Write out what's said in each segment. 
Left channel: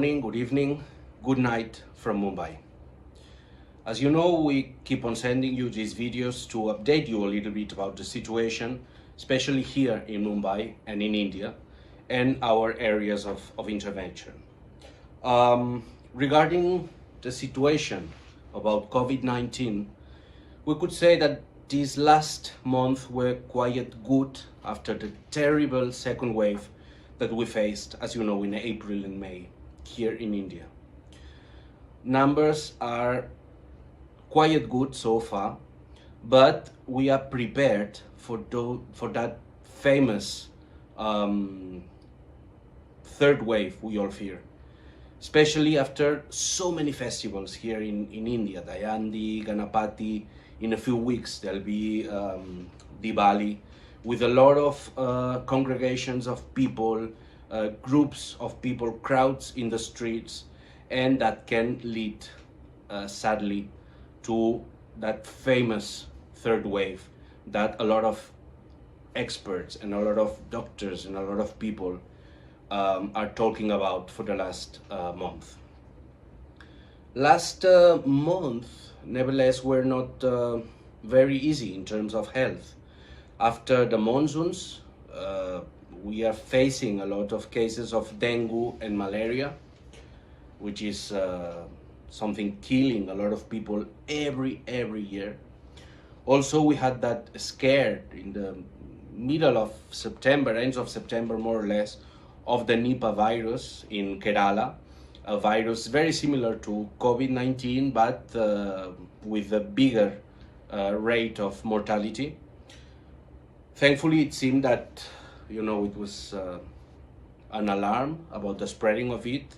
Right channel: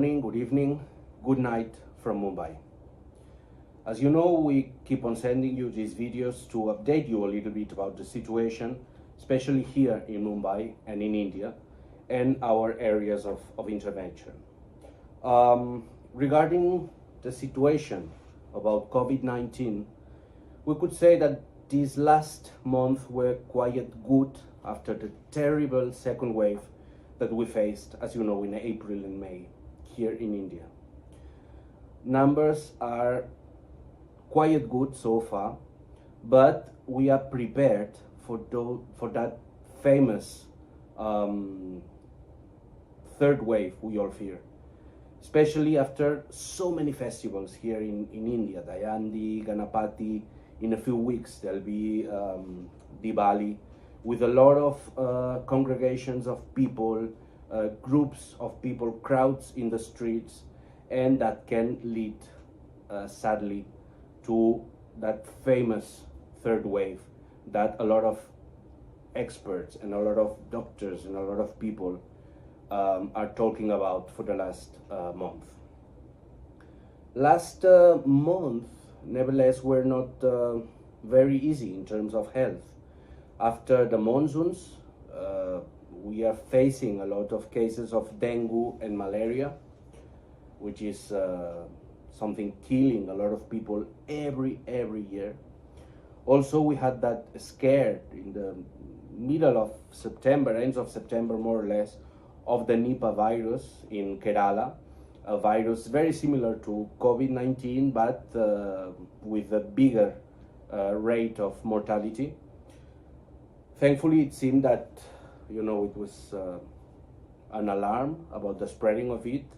morning, good evening, good night from Mumbai. As you know, we keep on sending you these videos to update you a little bit about the situation, especially here in Mumbai and in India, and our areas of intervention. Regarding the situation about COVID-19, we could say that these last months were quite good after the terrible second wave that we faced, as you know, in April and May here in India. Numbers are quite good so far, but we are prepared for that famous third wave we all fear, especially after so many festivals here in India, Dayandi, Ganapati. In a few weeks there'll be Diwali, with a lot of congregations of people, groups of people, crowds in the streets, and that can lead, sadly, to that famous third wave that a lot of experts and a lot of doctors and a lot of people are talking about for the last month. Last month, nevertheless, were not very easy in terms of health. After the monsoons, we are facing a lot of cases of dengue and malaria, which is something killing a lot of people every year. Also, we had that scare in the middle of September, ends of September more or less, of the Nipah virus in Kerala, a virus very similar to COVID-19, but with a bigger rate of mortality. Thankfully, it seemed that, it was an alarm about the spreading of it,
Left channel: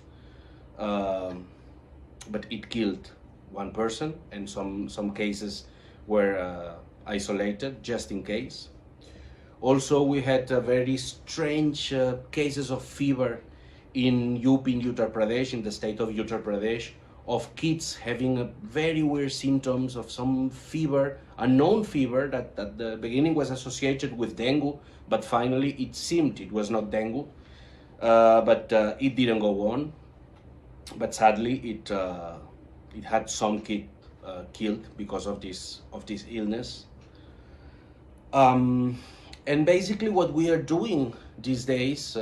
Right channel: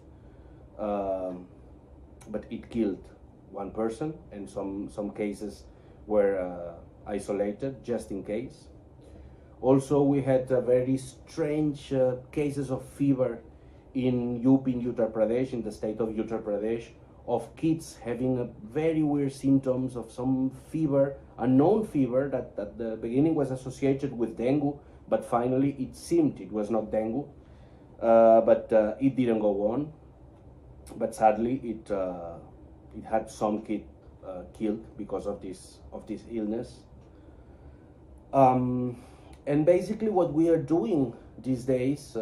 but it killed one person, and some cases were isolated just in case. Also, we had very strange cases of fever in UP, in Uttar Pradesh, in the state of Uttar Pradesh, of kids having very weird symptoms of some fever, a known fever that at the beginning was associated with dengue, but finally it seemed it was not dengue, but it didn't go on. But sadly, it had some kid killed because of this illness. And basically, what we are doing these days,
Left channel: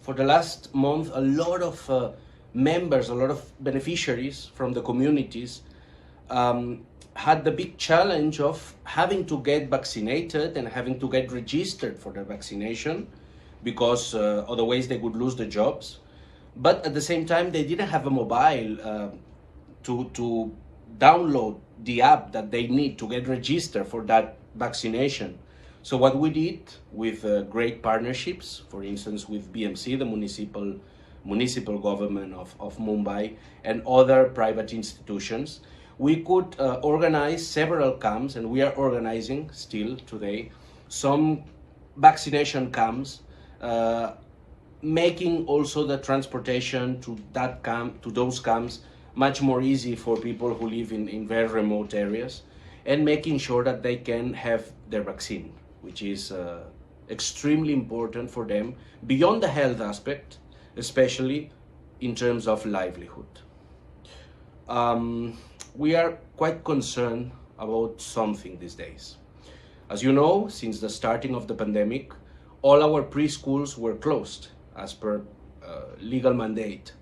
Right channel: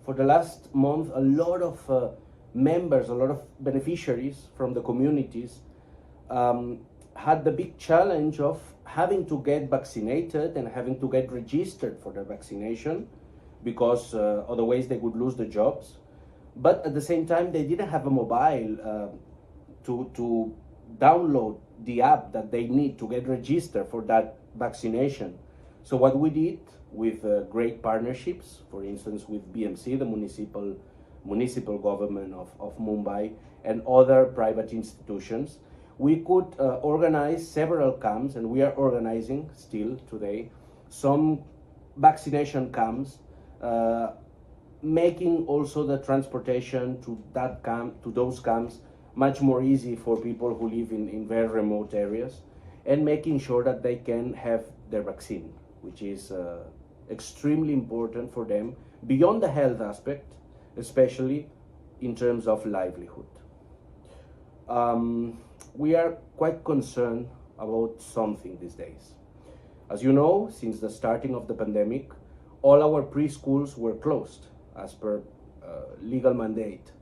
for the last month, a lot of members, a lot of beneficiaries from the communities had the big challenge of having to get vaccinated and having to get registered for the vaccination, because otherwise they would lose the jobs. But at the same time, they didn't have a mobile to download the app that they need to get registered for that vaccination. So what we did with great partnerships, for instance with BMC, the municipal government of Mumbai, and other private institutions, we could organize several camps, and we are organizing still today some vaccination camps, making also the transportation to that camp, to those camps, much more easy for people who live in very remote areas, and making sure that they can have their vaccine, which is extremely important for them, beyond the health aspect, especially in terms of livelihood. We are quite concerned about something these days. As you know, since the starting of the pandemic, all our preschools were closed as per legal mandate.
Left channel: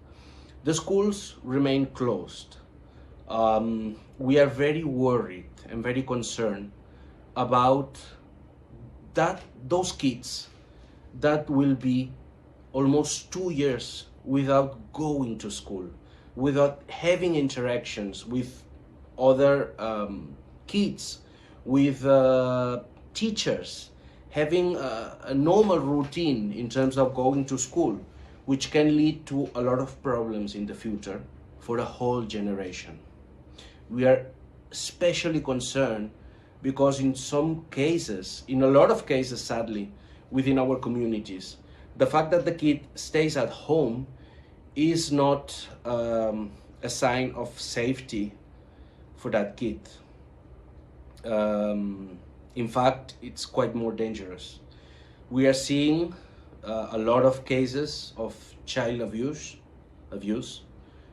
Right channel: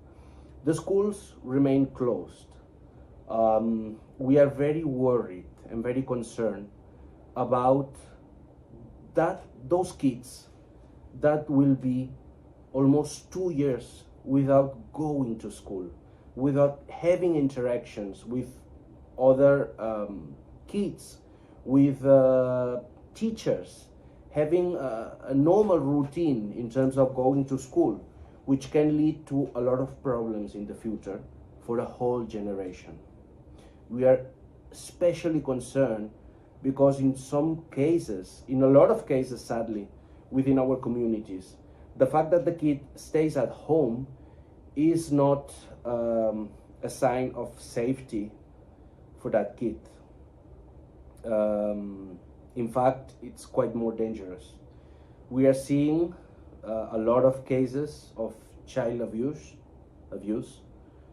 The schools remain closed. We are very worried and very concerned about those kids that will be almost 2 years without going to school, without having interactions with other kids, with teachers, having a normal routine in terms of going to school, which can lead to a lot of problems in the future for a whole generation. We are especially concerned because in some cases, in a lot of cases sadly, within our communities, the fact that the kid stays at home is not a sign of safety for that kid. In fact, it's quite more dangerous. We are seeing a lot of cases of child abuse abuse,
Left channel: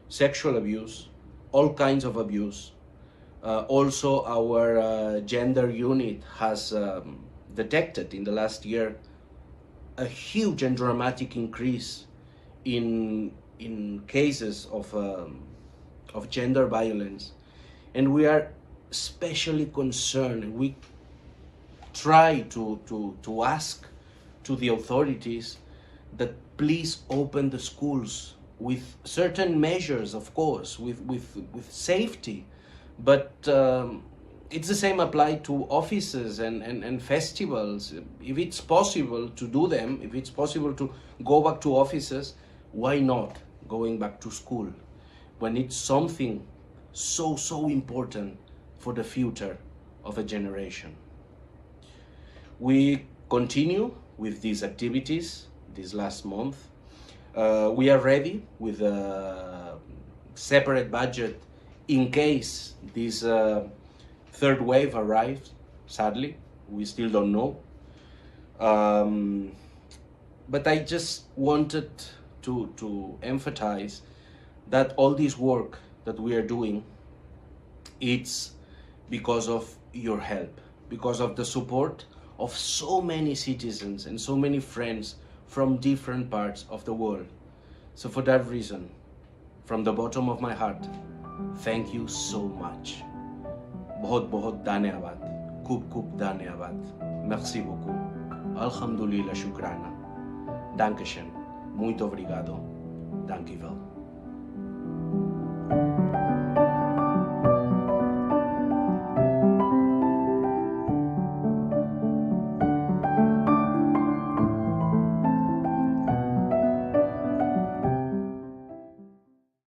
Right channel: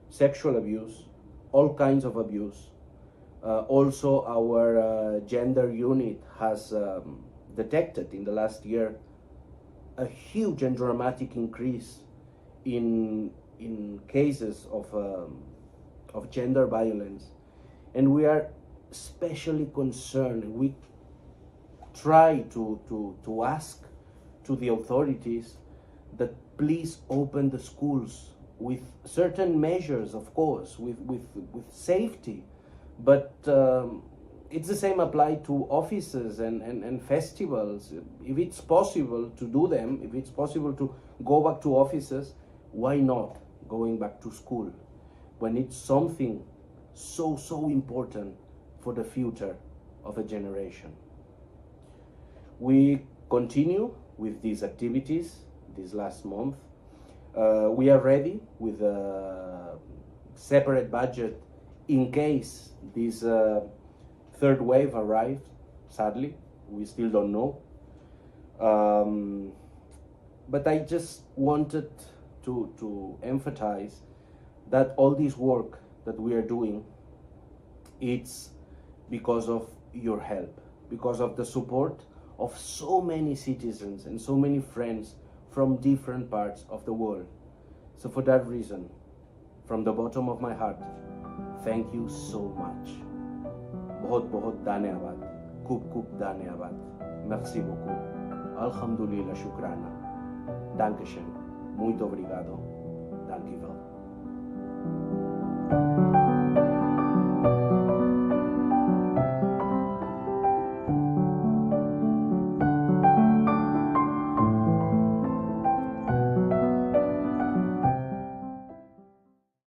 sexual abuse, all kinds of abuse. Also, our gender unit has detected in the last year a huge and dramatic increase in cases of gender violence, and we are especially concerned. We try to ask to the authorities that please open the schools with certain measures, of course, with safety, but it's the same applied to offices and festivals. If it's possible to do them, if it's possible to go back to offices, why not going back to school when it's something so important for the future of a generation? We continue with these activities this last month. We are ready with a separate budget in case this third wave arrives. Sadly, we still don't know. But I just wanted to emphasize that all this work that we are doing, it's because of your help, because of the support of so many citizens and so many friends from different parts of the world. So for that reason, from the bottom of my heart, thank you so much. बहुत बहुत धन्यवाद, खूब धन्यवाद, merci beaucoup, alhamdulillah, shukrana, dankeschön, muito obrigado, dankjewel.